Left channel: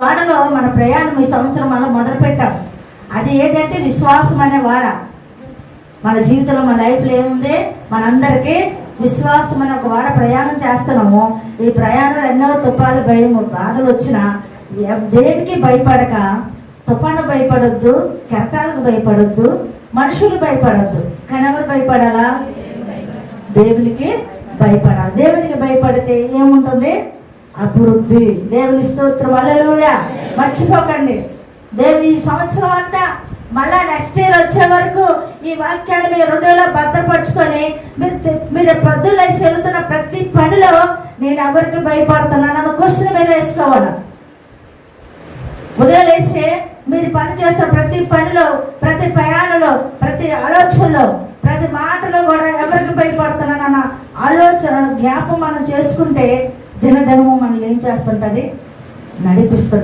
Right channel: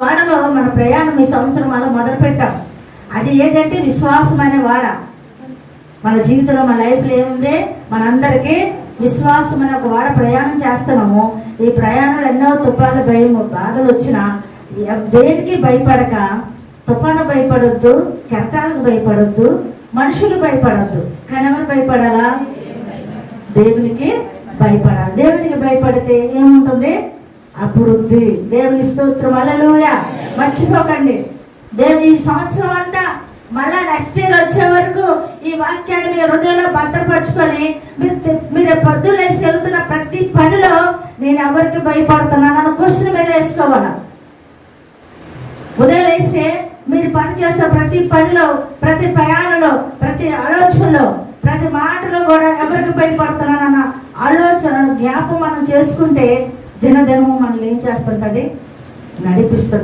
వాడలో మన ప్రయాణం ఈ సంవత్సరం మనం మొదలు పెట్టాం. అది ఏంటంటే విశ్వాసం అనే వాడ. మన జీవితంలో మన లైఫ్లో ఏముంది? మనందరికీ విశ్వాసం అనే ఒక వాడ ప్రయాణం చేస్తున్నాము. ఈ ప్రయాణంలో ఎన్నో తుఫాను భయము బాధలు వచ్చినా దేనికి భయపడక, తుఫాను భయపడొద్దు, కెరటాలకు భయపడొద్దు, మనుషులు భయపడొద్దు. కానీ ఎవరు భయపడాలా? దేవునికి భయపడాలి. దేవునికి భయపడితే ఏముంటుంది? అభివృద్ధి. దేవుని స్తోత్రం, హల్లెలూయా. మర్చిపోకండి, దేవుని ఈ సంవత్సరం అంతా మళ్ళా నెక్స్ట్ ఇయర్ వచ్చే వరకు ఈ వాక్యాన్ని మీ హృదయంలో భద్రపరుచుకొని మీరు పొద్దున్న వెళ్తున్న ప్రతి పనిలో నేను ఎవరికి భయపడుతున్నాను క్వశ్చన్ మీరు వేసుకోవాలి. ఉదయం వేసి మీరు పని చేస్తున్న ప్రతి పనిలో, ప్రతి ప్రయాణంలో, ప్రతి ఆలోచనలో, ప్రతి మాటలో కూడా ఎవరికి భయపడుతున్నానన్న ఆలోచన జ్ఞాపం మనం చేసుకుంటే దినదినము మనం ఏం చేస్తుంటది? నడిపిస్తుంది.